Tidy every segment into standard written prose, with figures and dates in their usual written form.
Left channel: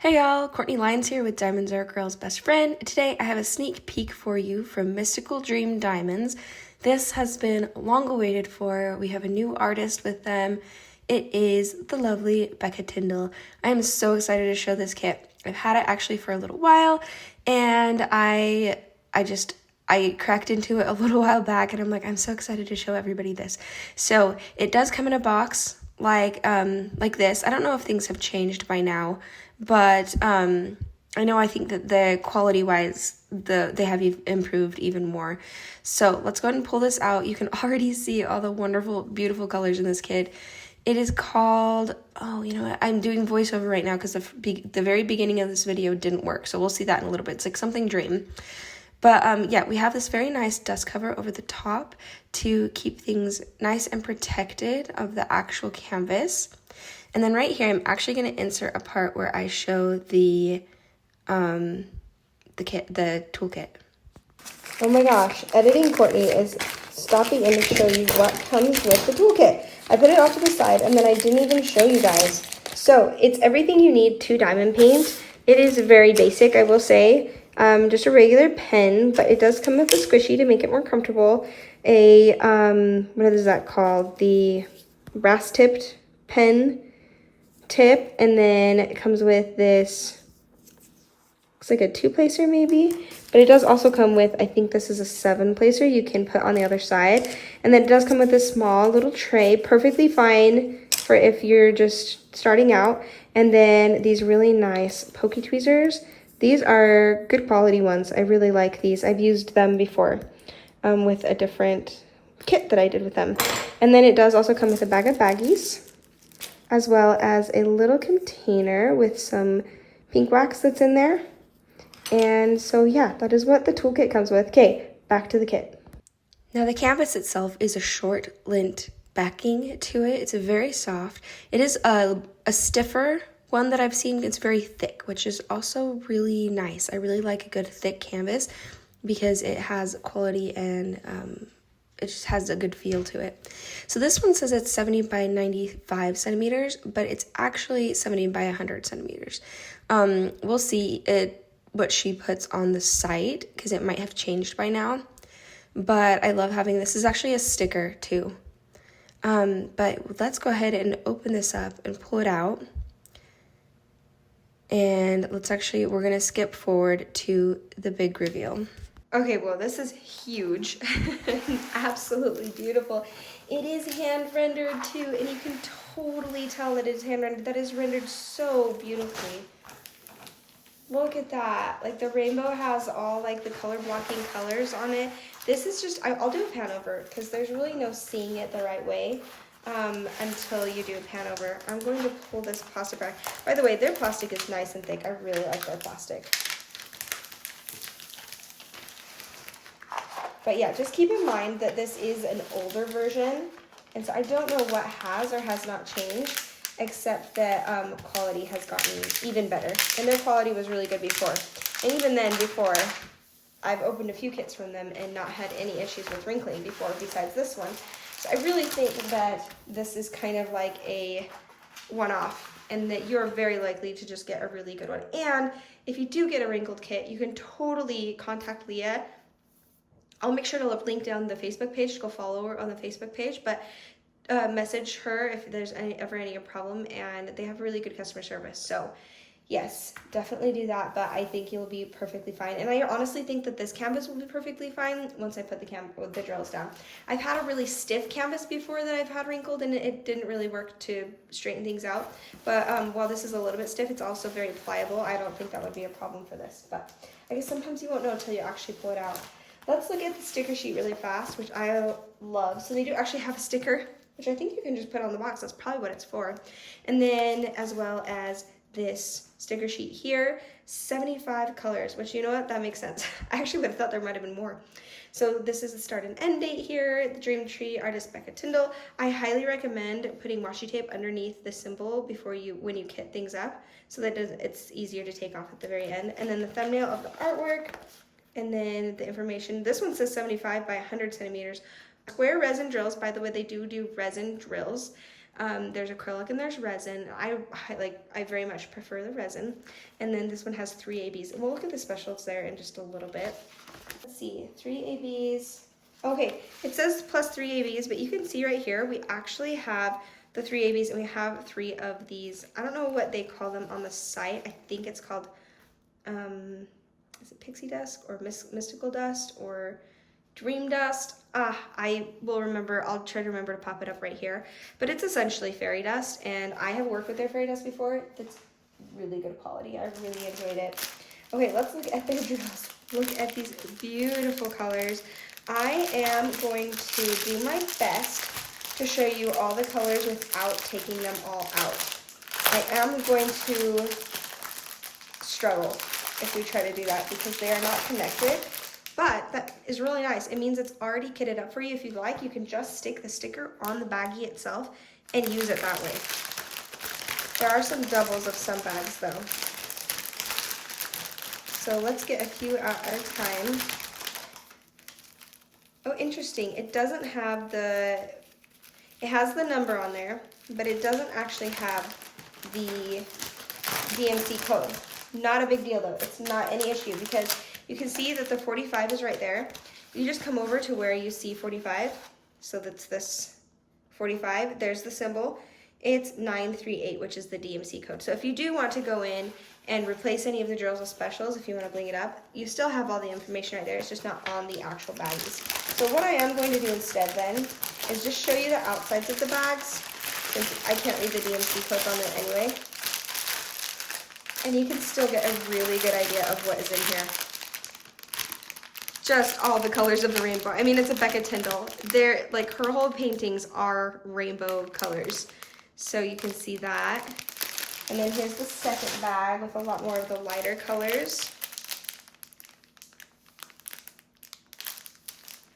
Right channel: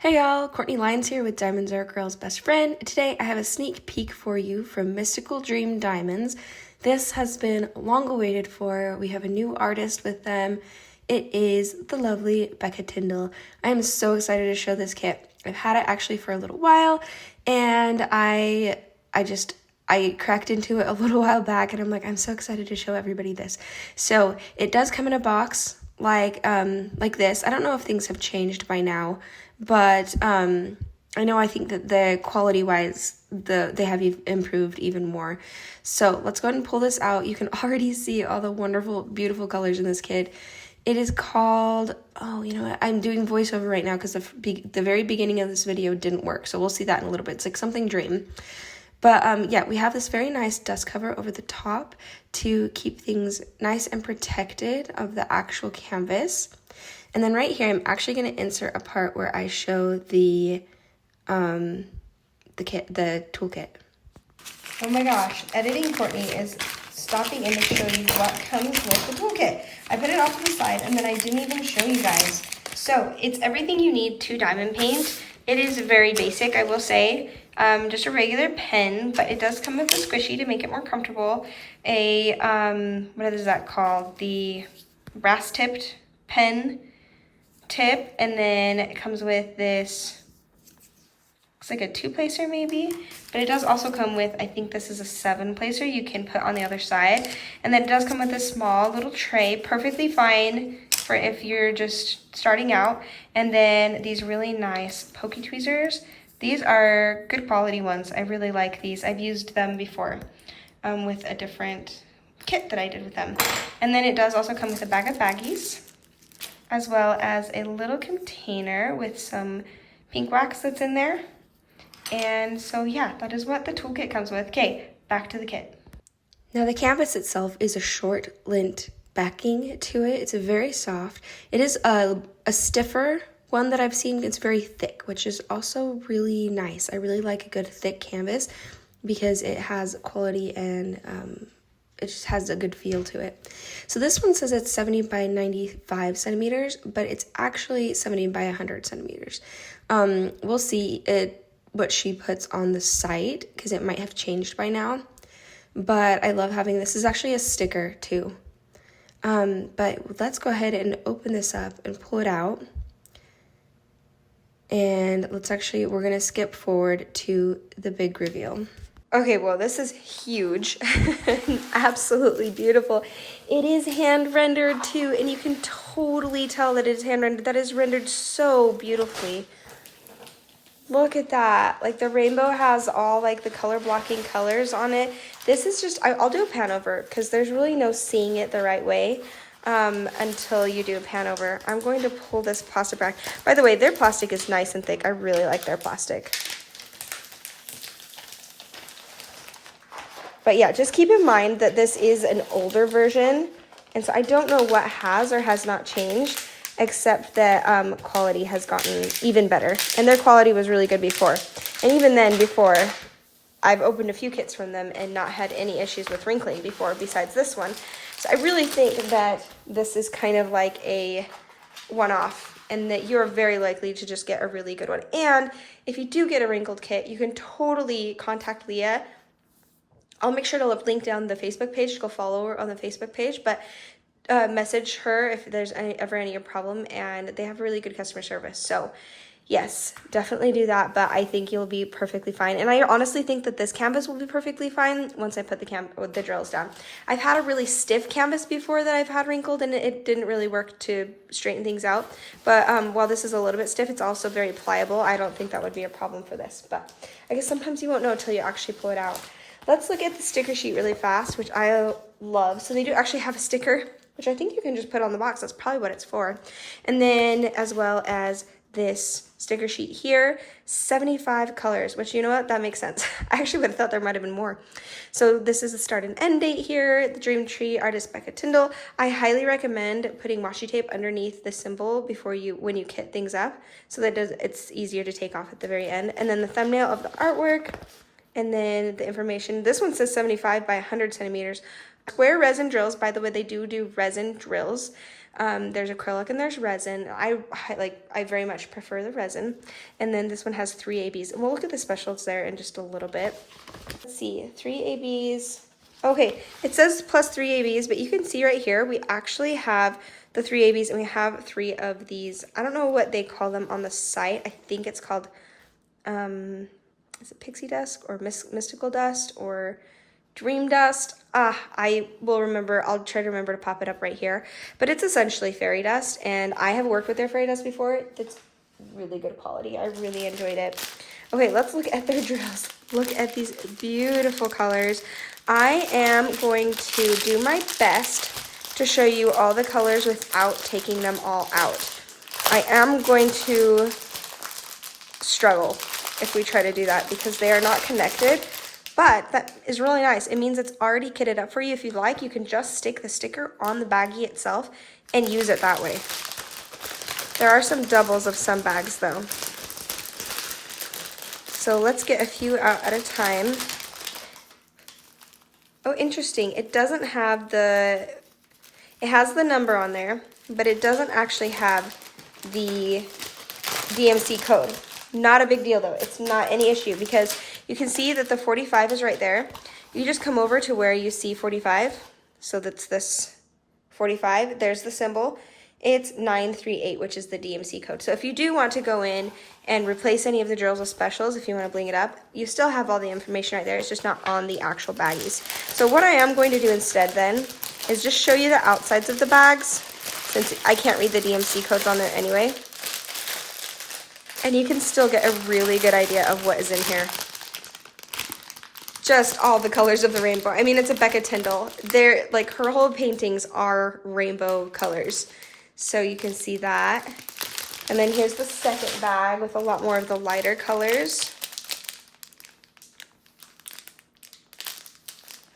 Hey y'all, Courtney Lyons here with Diamonds Are a Girl's Best Friend. Today I have a sneak peek for you from Mystical Dream Diamonds. This has been long awaited for. We have a new artist with them. It is the lovely Becca Tindol. I am so excited to show this kit. I've had it actually for a little while, and I cracked into it a little while back, and I'm like, I'm so excited to show everybody this. So it does come in a box like this. I don't know if things have changed by now, but I think that the quality wise they have improved even more. So let's go ahead and pull this out. You can already see all the wonderful, beautiful colors in this kit. It is called, I'm doing voiceover right now because the very beginning of this video didn't work, so we'll see that in a little bit. It's like something dream. But we have this very nice dust cover over the top to keep things nice and protected of the actual canvas. And then right here, I'm actually going to insert a part where I show the toolkit. Oh my gosh, editing Courtney is stopping in to show you what comes with the toolkit. I put it off to the side and then I didn't even show you guys. So it's everything you need to diamond paint. It is very basic, I will say. Just a regular pen, but it does come with a squishy to make it more comfortable. A, what is that called? The brass tipped pen tip, and then it comes with this, looks like a 2-placer maybe, but it does also come with, I think this is a 7-placer you can put on the other side. And then it does come with a small little tray, perfectly fine for if you're just starting out. And then these really nice pokey tweezers. These are good quality ones. I really like these. I've used them before with a different kit that I did with them. And then it does also come with a bag of baggies, as well as a little container with some pink wax that's in there. And so yeah, that is what the toolkit comes with. Okay, back to the kit. Now the canvas itself is a short lint backing to it. It's a very soft. It is a stiffer one that I've seen. It's very thick, which is also really nice. I really like a good thick canvas because it has quality and it just has a good feel to it. So this one says it's 70 by 95 centimeters, but it's actually 70 by 100 centimeters. We'll see what she puts on the site because it might have changed by now. But I love having this. This is actually a sticker too. But let's go ahead and open this up and pull it out. And we're going to skip forward to the big reveal. Okay, well, this is huge. Absolutely beautiful. It is hand rendered too, and you can totally tell that it's hand rendered. That is rendered so beautifully. Look at that. Like the rainbow has all like the color blocking colors on it. This is just, I'll do a pan over because there's really no seeing it the right way until you do a pan over. I'm going to pull this plastic back. By the way, their plastic is nice and thick. I really like their plastic. But yeah, just keep in mind that this is an older version. And so I don't know what has or has not changed, except that quality has gotten even better. And their quality was really good before. And even then, before, I've opened a few kits from them and not had any issues with wrinkling before, besides this one. So I really think that this is kind of like a one-off, and that you're very likely to just get a really good one. And if you do get a wrinkled kit, you can totally contact Leah. I'll make sure to link down the Facebook page to go follow her on the Facebook page, but message her if there's ever any problem, and they have really good customer service. So yes, definitely do that, but I think you'll be perfectly fine. And I honestly think that this canvas will be perfectly fine once I put the drills down. I've had a really stiff canvas before that I've had wrinkled, and it didn't really work to straighten things out. But while this is a little bit stiff, it's also very pliable. I don't think that would be a problem for this, but I guess sometimes you won't know until you actually pull it out. Let's look at the sticker sheet really fast, which I love. So they do actually have a sticker, which I think you can just put on the box. That's probably what it's for. And then as well as this sticker sheet here, 75 colors, which, you know what, that makes sense. I actually would have thought there might have been more. So this is the start and end date here, the Dream Tree, artist Becca Tindol. I highly recommend putting washi tape underneath the symbol when you kit things up, so that it's easier to take off at the very end. And then the thumbnail of the artwork, and then the information. This one says 75 by 100 centimeters. Square resin drills, by the way, they do resin drills. There's acrylic and there's resin. I very much prefer the resin. And then this one has 3 ABs. And we'll look at the specials there in just a little bit. Let's see, 3 ABs. Okay, it says plus 3 ABs, but you can see right here, we actually have the 3 ABs and we have 3 of these. I don't know what they call them on the site. I think it's called, is it pixie dust or mystical dust or dream dust? I will remember. I'll try to remember to pop it up right here. But it's essentially fairy dust, and I have worked with their fairy dust before. It's really good quality. I really enjoyed it. Okay, let's look at their drills. Look at these beautiful colors. I am going to do my best to show you all the colors without taking them all out. I am going to struggle if we try to do that because they are not connected, but that is really nice. It means it's already kitted up for you. If you'd like, you can just stick the sticker on the baggie itself and use it that way. There are some doubles of some bags though. So let's get a few out at a time. Oh, interesting. It doesn't have it has the number on there, but it doesn't actually have the DMC code. Not a big deal though. It's not any issue because you can see that the 45 is right there. You just come over to where you see 45. So that's this 45. There's the symbol. It's 938, which is the DMC code. So if you do want to go in and replace any of the drills with specials, if you want to bling it up, you still have all the information right there. It's just not on the actual baggies. So what I am going to do instead then is just show you the outsides of the bags, since I can't read the DMC codes on there anyway. And you can still get a really good idea of what is in here. Just all the colors of the rainbow. I mean, it's a Becca Tindol. They're like, her whole paintings are rainbow colors. So you can see that. And then here's the second bag with a lot more of the lighter colors.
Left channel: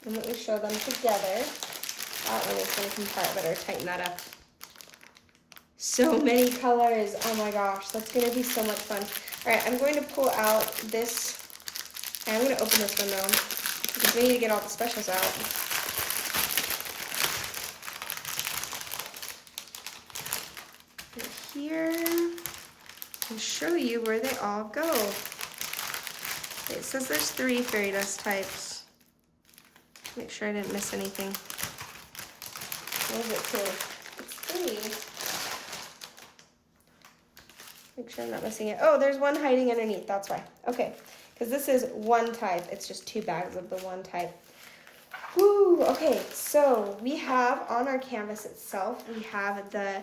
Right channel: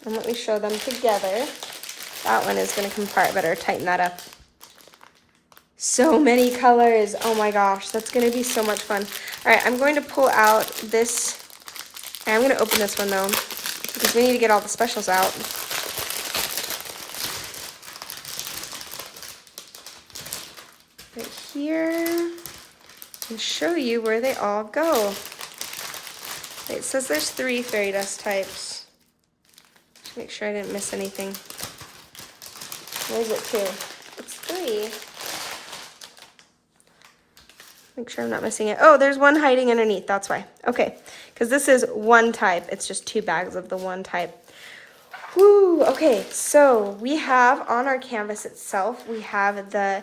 And let me show them together. That one is going to come apart. Better tighten that up. So many colors. Oh my gosh, that's going to be so much fun. All right, I'm going to pull out this. I'm going to open this one though, because we need to get all the specials out. Right here, and show you where they all go. It says there's 3 fairy dust types. Make sure I didn't miss anything. Where is it 2? It's 3. Make sure I'm not missing it. Oh, there's one hiding underneath. That's why. Okay, because this is 1 type. It's just 2 bags of the 1 type. Woo! Okay, so we have on our canvas itself, we have the,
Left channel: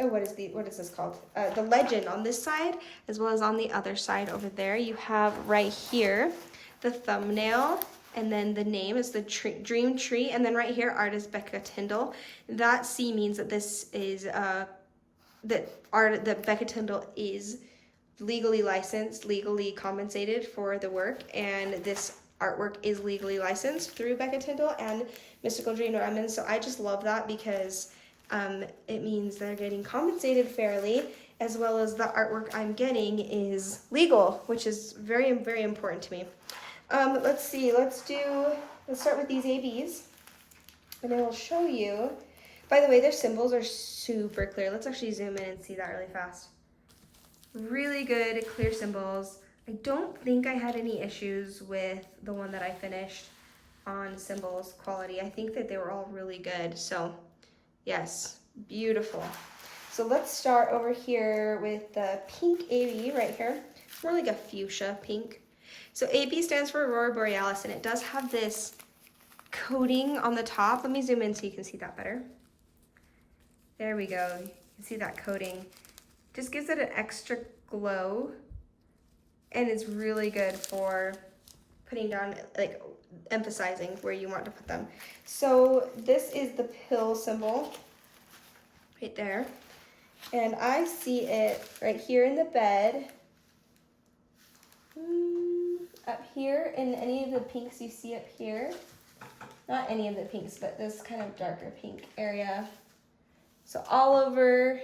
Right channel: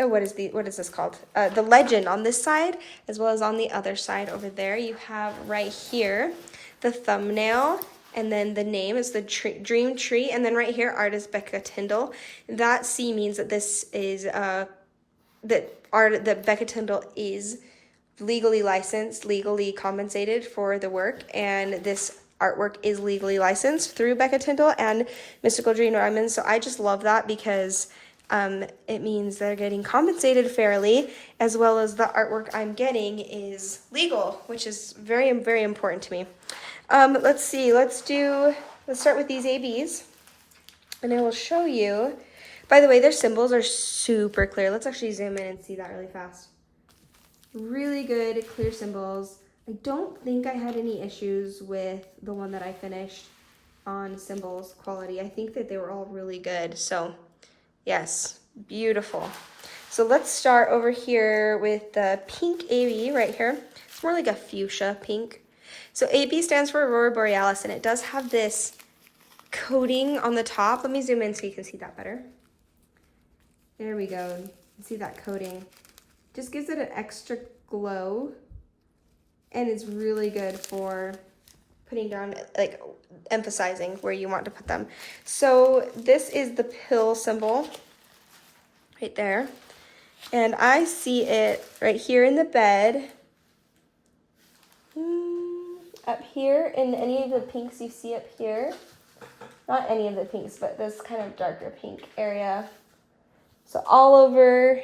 oh, what is this called? The legend on this side, as well as on the other side over there. You have right here the thumbnail, and then the name is the dream tree, and then right here, artist Becca Tindol. That C means that this is that Becca Tindol is legally licensed, legally compensated for the work, and this artwork is legally licensed through Becca Tindol and Mystical Dream Diamonds. So I just love that because it means they're getting compensated fairly, as well as the artwork I'm getting is legal, which is very, very important to me. Let's see, let's start with these ABs, and I will show you. By the way, their symbols are super clear. Let's actually zoom in and see that really fast. Really good, clear symbols. I don't think I had any issues with the one that I finished on symbols quality. I think that they were all really good. So yes, beautiful. So let's start over here with the pink AB right here. It's more like a fuchsia pink. So AB stands for Aurora Borealis, and it does have this coating on the top. Let me zoom in so you can see that better. There we go. You can see that coating. Just gives it an extra glow, and it's really good for putting down, like emphasizing where you want to put them. So this is the pill symbol right there, and I see it right here in the bed, up here in any of the pinks you see up here. Not any of the pinks, but this kind of darker pink area. So all over,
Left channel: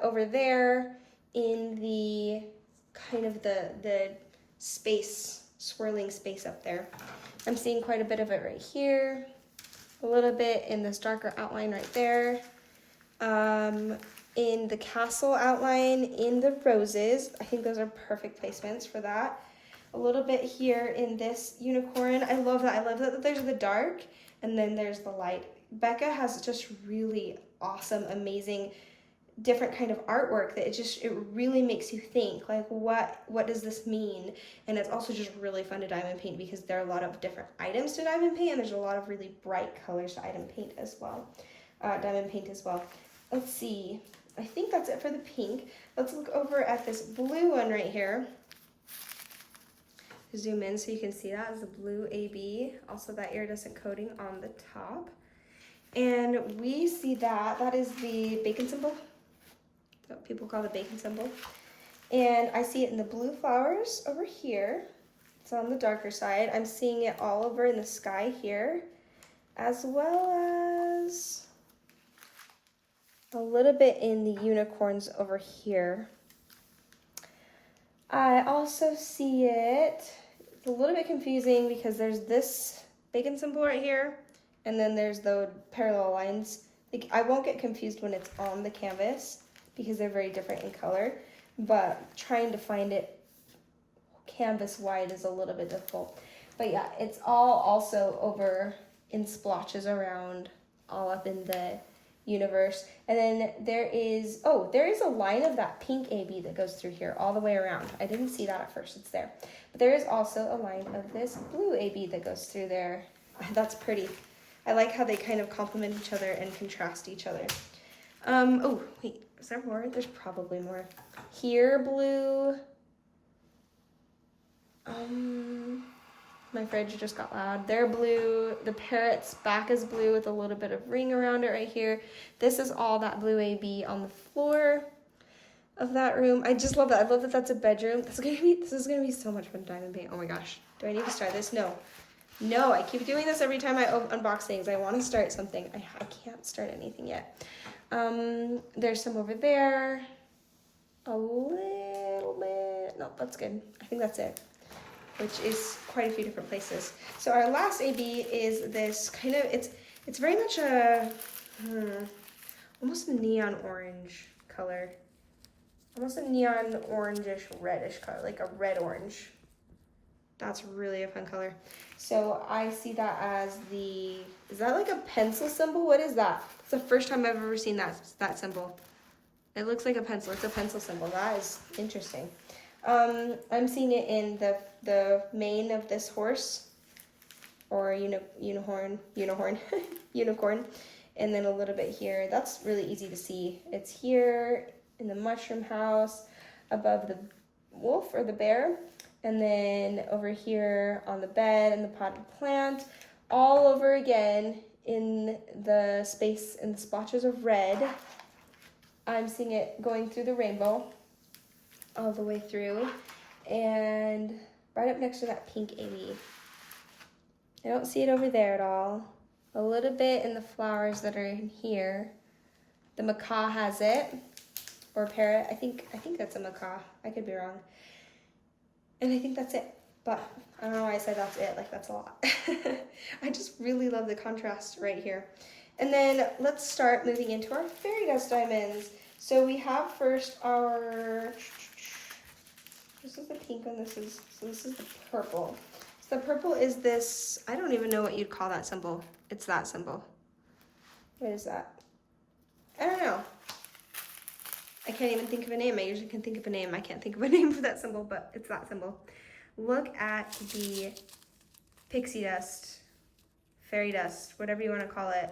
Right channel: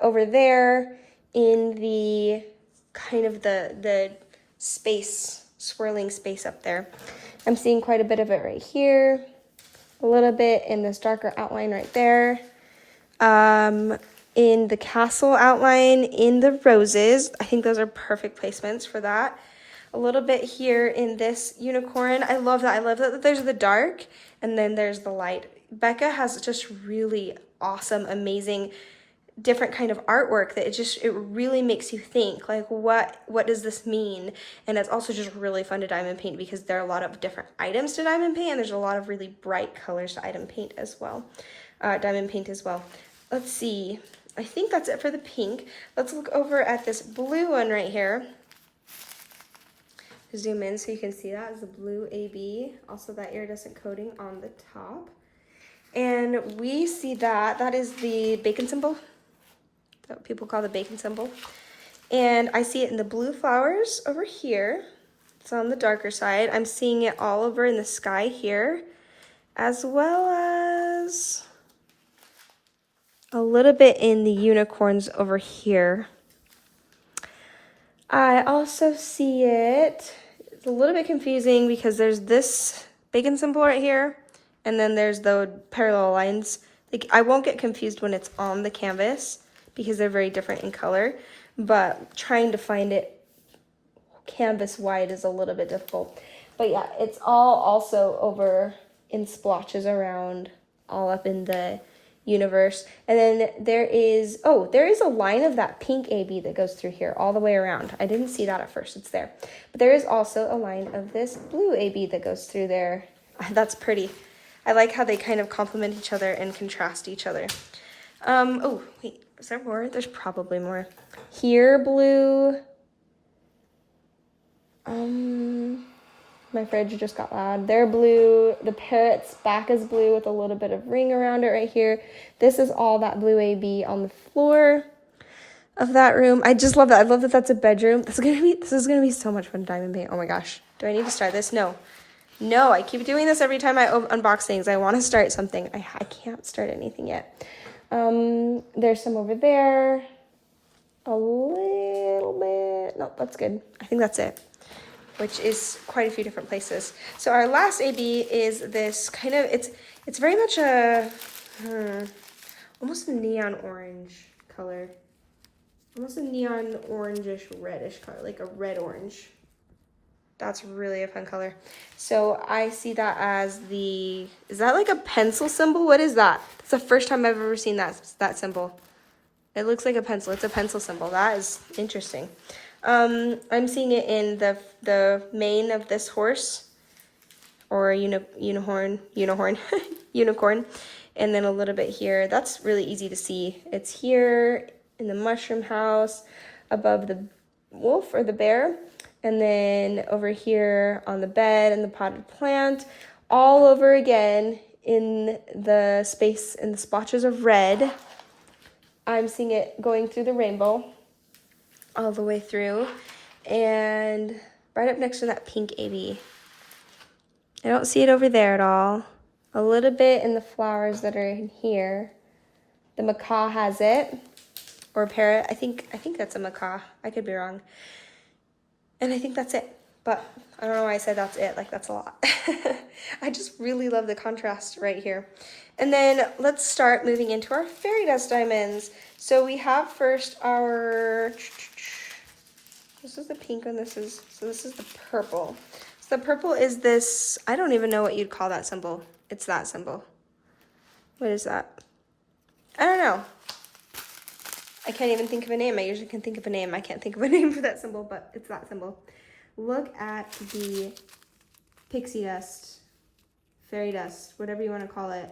over there in the kind of the space, swirling space up there. I'm seeing quite a bit of it right here. a little bit in this darker outline right there. In the castle outline, in the roses. I think those are perfect placements for that. A little bit here in this unicorn. I love that. I love that there's the dark and then there's the light. Becca has just really awesome, amazing, different kind of artwork that it really makes you think, like, what does this mean? And it's also just really fun to diamond paint because there are a lot of different items to diamond paint, and there's a lot of really bright colors to diamond paint as well. Let's see. I think that's it for the pink. Let's look over at this blue one right here. Zoom in so you can see that as the blue AB. Also that iridescent coating on the top. And we see that is the bacon symbol. That's what people call the bacon symbol. And I see it in the blue flowers over here. It's on the darker side. I'm seeing it all over in the sky here, as well as a little bit in the unicorns over here. I also see it, it's a little bit confusing because there's this bacon symbol right here, and then there's the parallel lines. Like, I won't get confused when it's on the canvas because they're very different in color, but trying to find it canvas wide is a little bit difficult. But yeah, it's all also over in splotches around, all up in the universe. And then there is a line of that pink AB that goes through here all the way around. I didn't see that at first, it's there. But there is also a line of this blue AB that goes through there. That's pretty. I like how they kind of complement each other and contrast each other. Oh, wait, is there more? There's probably more. Here, blue. My fridge just got loud. They're blue. The parrot's back is blue with a little bit of ring around it right here. This is all that blue AB on the floor of that room. I just love that. I love that that's a bedroom. This is gonna be so much fun to diamond paint. Oh my gosh. Do I need to start this? No. No, I keep doing this every time I unbox things. I want to start something. I can't start anything yet. There's some over there. A little bit. No, that's good. I think that's it, which is quite a few different places. So our last AB is this kind of, it's very much a, almost a neon orange color. Almost a neon orangish reddish color, like a red orange. That's really a fun color. So I see that as is that like a pencil symbol? What is that? It's the first time I've ever seen that symbol. It looks like a pencil. It's a pencil symbol. That is interesting. I'm seeing it in the mane of this horse, or unicorn, unicorn, and then a little bit here. That's really easy to see. It's here in the mushroom house, above the wolf or the bear, and then over here on the bed and the potted plant, all over again in the space in the splotches of red. I'm seeing it going through the rainbow all the way through, and right up next to that pink AB. I don't see it over there at all. A little bit in the flowers that are in here. The macaw has it, or parrot. I think that's a macaw. I could be wrong. And I think that's it. But I don't know why I said that's it. Like, that's a lot. I just really love the contrast right here. And then let's start moving into our fairy dust diamonds. So we have first our, this is the pink one, this is the purple. So the purple is this, I don't even know what you'd call that symbol. It's that symbol. What is that? I don't know. I can't even think of a name. I usually can think of a name. I can't think of a name for that symbol, but it's that symbol. Look at the pixie dust, fairy dust, whatever you want to call it.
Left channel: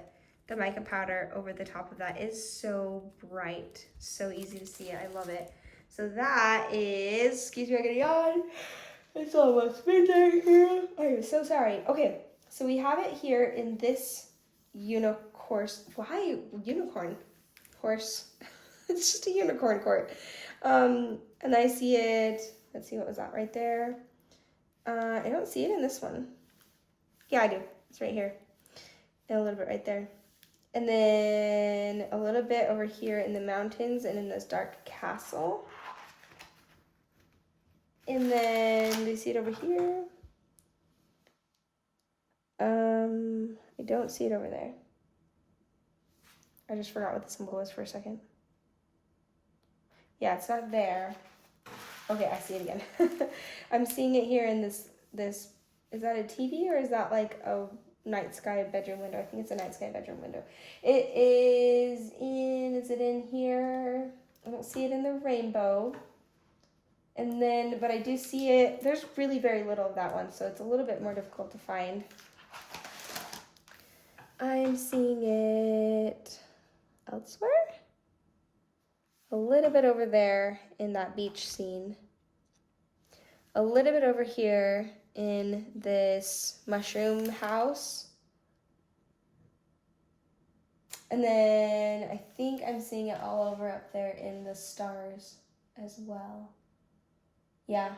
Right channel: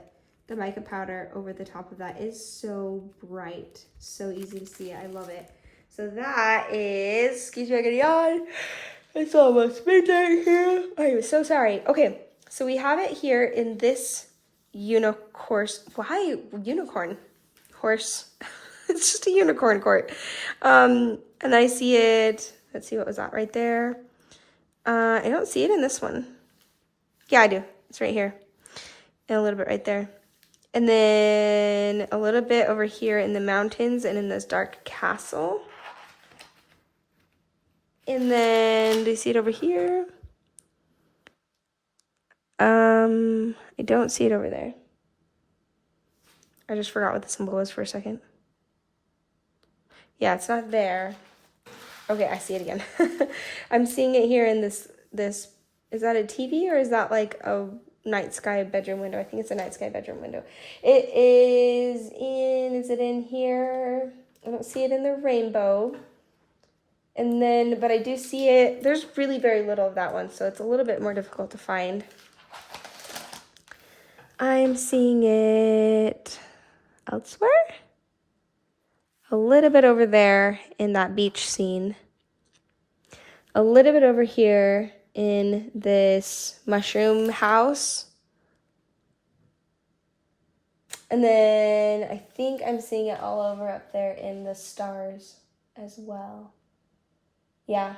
The mica powder over the top of that is so bright, so easy to see. I love it. So that is, excuse me, I got a yawn. It's almost midnight here. I'm so sorry. Okay, so we have it here in this unicorn. Why unicorn? Horse. It's just a unicorn court. And I see it. Let's see, what was that right there? I don't see it in this one. Yeah, I do. It's right here. And a little bit right there. And then a little bit over here in the mountains and in this dark castle. And then, do you see it over here? I don't see it over there. I just forgot what the symbol was for a second. Yeah, it's not there. Okay, I see it again. I'm seeing it here in this, is that a TV or is that like a night sky bedroom window? I think it's a night sky bedroom window. It is it in here? I don't see it in the rainbow. And then, but I do see it, there's really very little of that one, so it's a little bit more difficult to find. I'm seeing it elsewhere. A little bit over there in that beach scene. A little bit over here in this mushroom house. And then I think I'm seeing it all over up there in the stars as well. Yeah,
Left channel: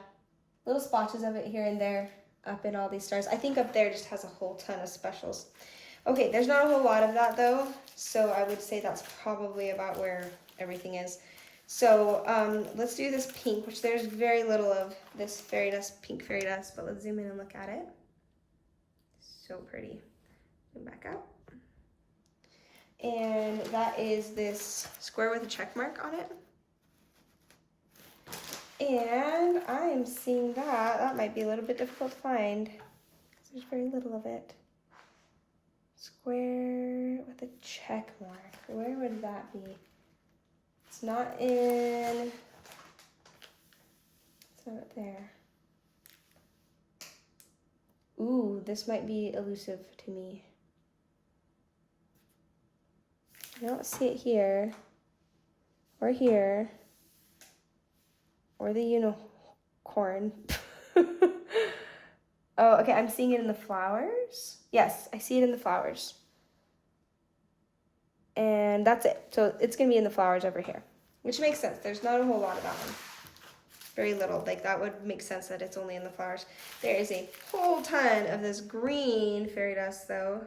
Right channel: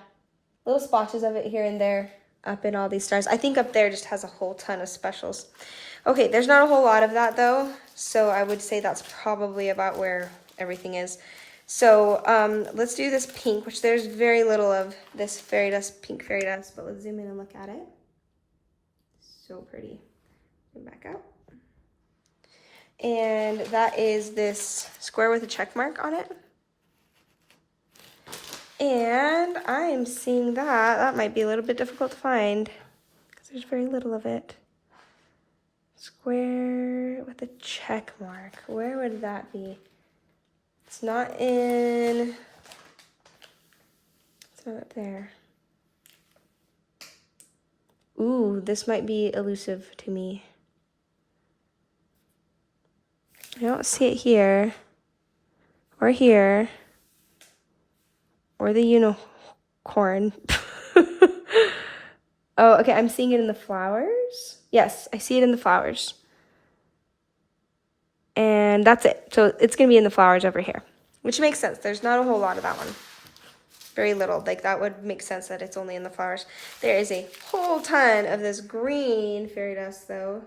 little splotches of it here and there up in all these stars. I think up there just has a whole ton of specials. Okay, there's not a whole lot of that though, so I would say that's probably about where everything is. So let's do this pink, which there's very little of this fairy dust, pink fairy dust, but let's zoom in and look at it. So pretty. Go back out. And that is this square with a check mark on it. And I am seeing that might be a little bit difficult to find because there's very little of it. Square with a check mark. Where would that be? It's not up there. Ooh, this might be elusive to me. I don't see it here, or here, or the unicorn. Oh, okay, I'm seeing it in the flowers. Yes, I see it in the flowers. And that's it. So it's gonna be in the flowers over here, which makes sense. There's not a whole lot of that one. Very little, like that would make sense that it's only in the flowers. There is a whole ton of this green fairy dust though.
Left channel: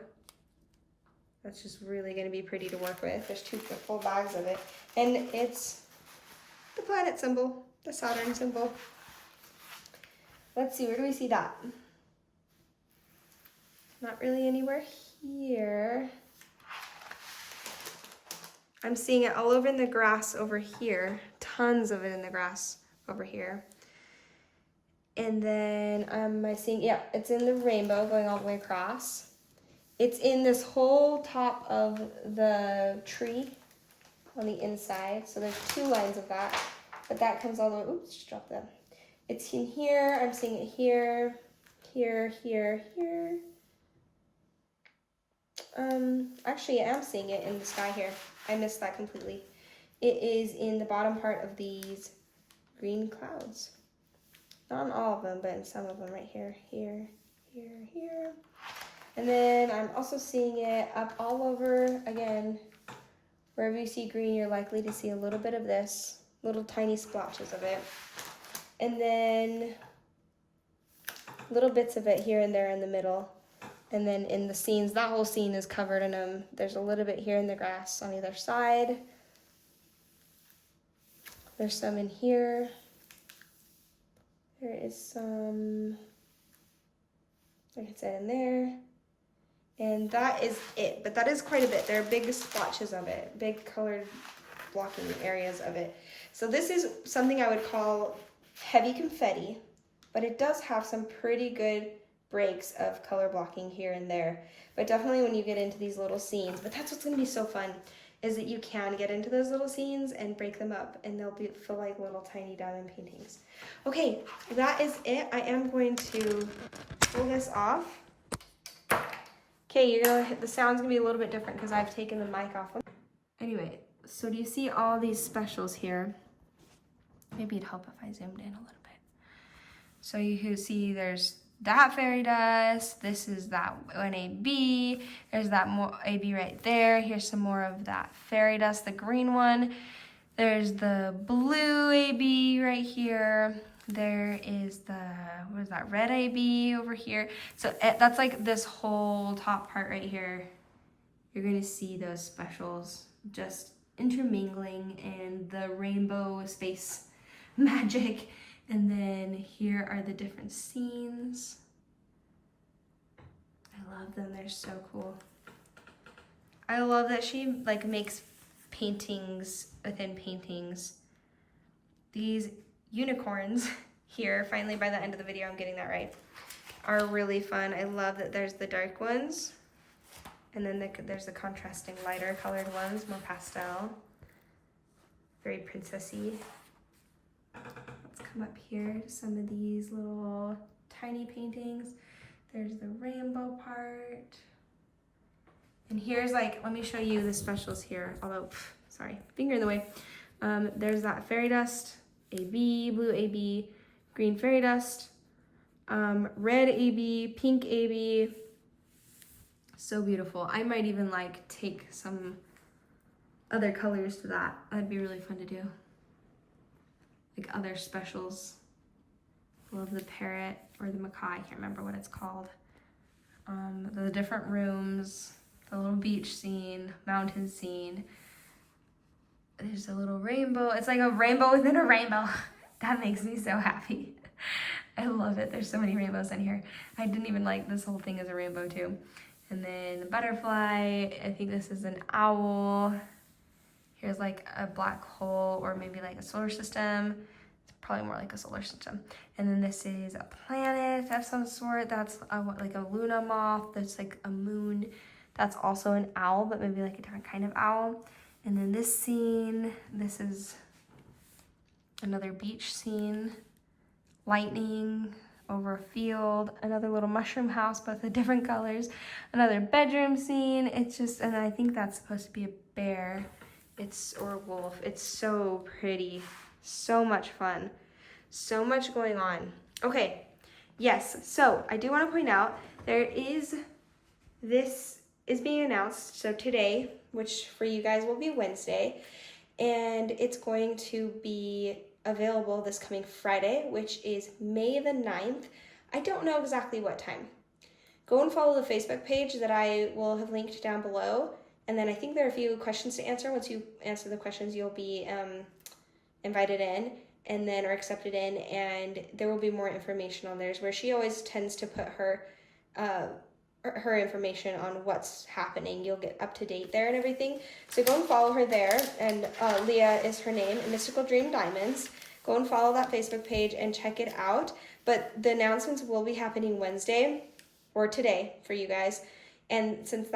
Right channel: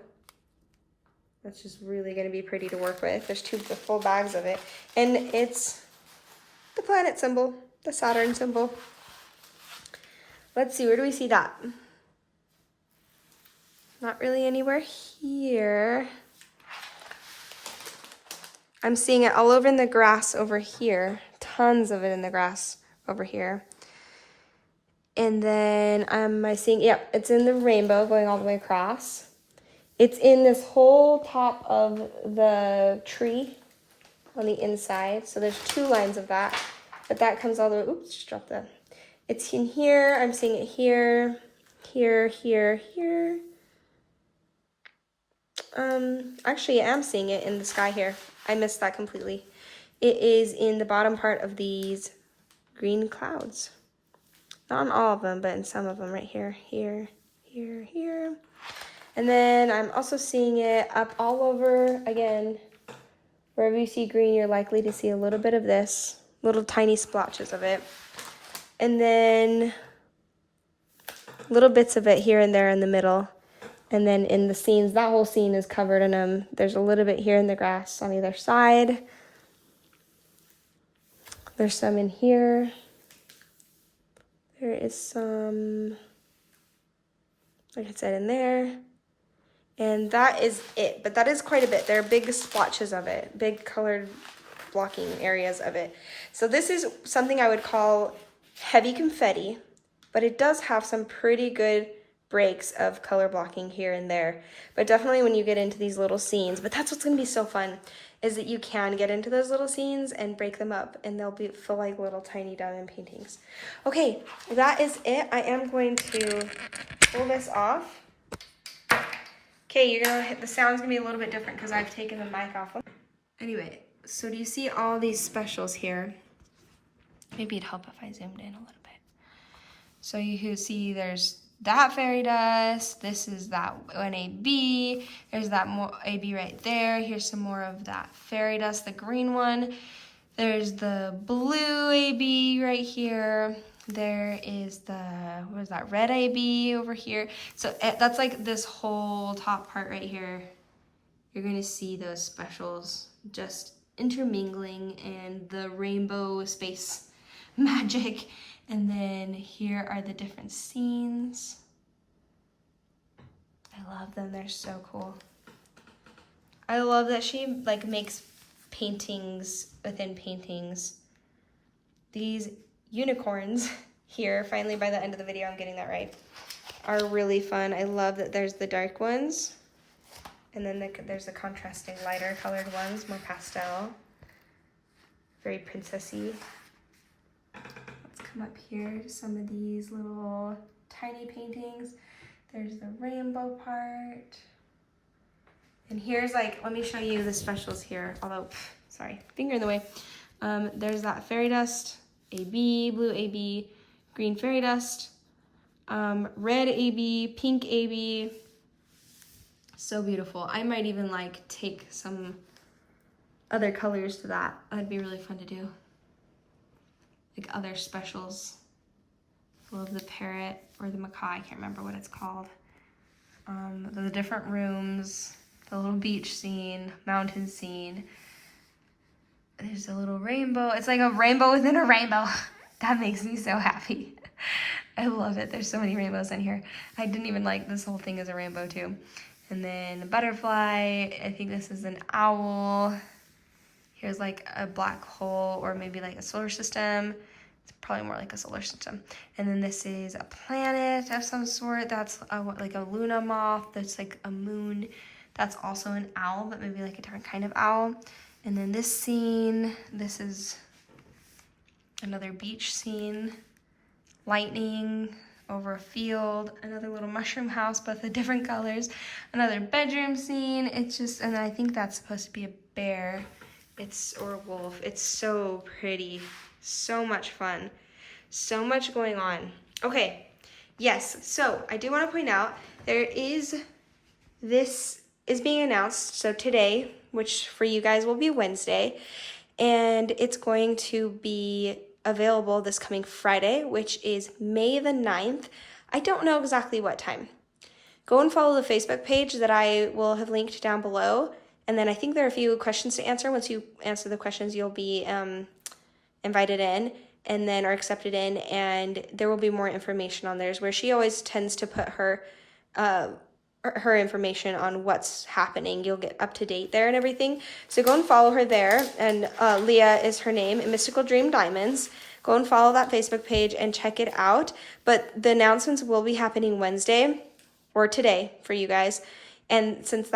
That's just really gonna be pretty to work with. There's two full bags of it. And it's the planet symbol, the Saturn symbol. Let's see, where do we see that? Not really anywhere here. I'm seeing it all over in the grass over here. Tons of it in the grass over here. And then am I seeing, yeah, it's in the rainbow going all the way across. It's in this whole top of the tree on the inside. So there's two lines of that, but that comes all the way, oops, just dropped that. It's in here, I'm seeing it here, here, here, here. Actually I am seeing it in the sky here. I missed that completely. It is in the bottom part of these green clouds. Not in all of them, but in some of them right here, here, here, here. And then I'm also seeing it up all over, again, wherever you see green, you're likely to see a little bit of this, little tiny splotches of it. And then little bits of it here and there in the middle. And then in the scenes, that whole scene is covered in them. There's a little bit here in the grass on either side. There's some in here. There is some, like I said, in there. And that is it, but that is quite a bit. There are big splotches of it, big colored blocking areas of it. So this is something I would call heavy confetti, but it does have some pretty good breaks of color blocking here and there. But definitely when you get into these little scenes, but that's what's gonna be so fun, is that you can get into those little scenes and break them up and they'll feel like little tiny diamond paintings. Okay, that is it. I am going to pull this off. Okay, the sound's gonna be a little bit different because I've taken the mic off. Anyway, so do you see all these specials here? Maybe it'd help if I zoomed in a little bit. So you can see there's that fairy dust, this is that one AB, there's that more AB right there, here's some more of that fairy dust, the green one, there's the blue AB right here, there is the, what is that, red AB over here. So that's like this whole top part right here. You're gonna see those specials just intermingling in the rainbow space magic. And then here are the different scenes. I love them. They're so cool. I love that she like makes paintings within paintings. These unicorns here, finally by the end of the video, I'm getting that right, are really fun. I love that there's the dark ones, and then there's the contrasting lighter colored ones, more pastel. Very princessy. Let's come up here to some of these little tiny paintings. There's the rainbow part. And here's like, let me show you the specials here. Although, sorry, finger in the way. There's that fairy dust, AB, blue AB, green fairy dust, red AB, pink AB. So beautiful. I might even like take some other colors to that. That'd be really fun to do. Like other specials. Love the parrot or the macaw, I can't remember what it's called. The different rooms, the little beach scene, mountain scene. There's a little rainbow. It's like a rainbow within a rainbow. That makes me so happy. I love it. There's so many rainbows in here. I didn't even like this whole thing as a rainbow too. And then a butterfly. I think this is an owl. Here's like a black hole or maybe like a solar system. It's probably more like a solar system. And then this is a planet of some sort. That's like a Luna moth. That's like a moon. That's also an owl, but maybe like a different kind of owl. And then this scene, this is another beach scene. Lightning over a field. Another little mushroom house, both the different colors. Another bedroom scene. It's just, and I think that's supposed to be a bear. Or a wolf. It's so pretty. So much fun. So much going on. Okay, yes, so I do want to point out this is being announced, so today, which for you guys will be Wednesday, and it's going to be available this coming Friday, which is May the 9th. I don't know exactly what time. Go and follow the Facebook page that I will have linked down below. And then I think there are a few questions to answer. Once you answer the questions, you'll be invited in and then are accepted in. And there will be more information on theirs, where she always tends to put her information on what's happening. You'll get up to date there and everything. So go and follow her there. And Leah is her name, Mystical Dream Diamonds. Go and follow that Facebook page and check it out. But the announcements will be happening Wednesday or today for you guys. And since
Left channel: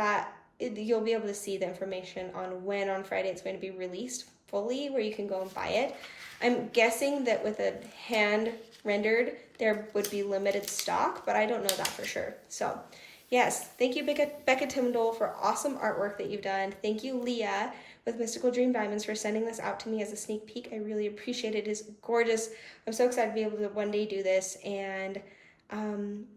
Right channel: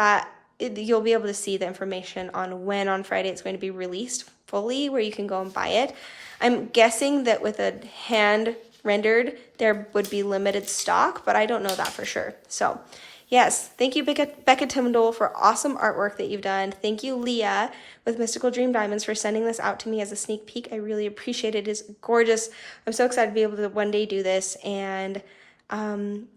you'll be able to see the information on when on Friday it's going to be released fully, where you can go and buy it. I'm guessing that with a hand rendered, there would be limited stock, but I don't know that for sure. So yes, thank you, Becca Tindol, for awesome artwork that you've done. Thank you, Leah, with Mystical Dream Diamonds, for sending this out to me as a sneak peek. I really appreciate it. It's gorgeous. I'm so excited to be able to one day do this. And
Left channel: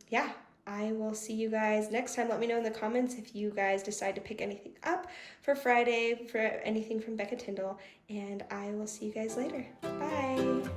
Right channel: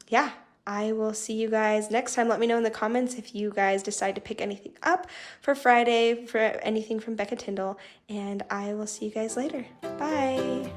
yeah, I will see you guys next time. Let me know in the comments if you guys decide to pick anything up for Friday, for anything from Becca Tindol, and I will see you guys later. Bye.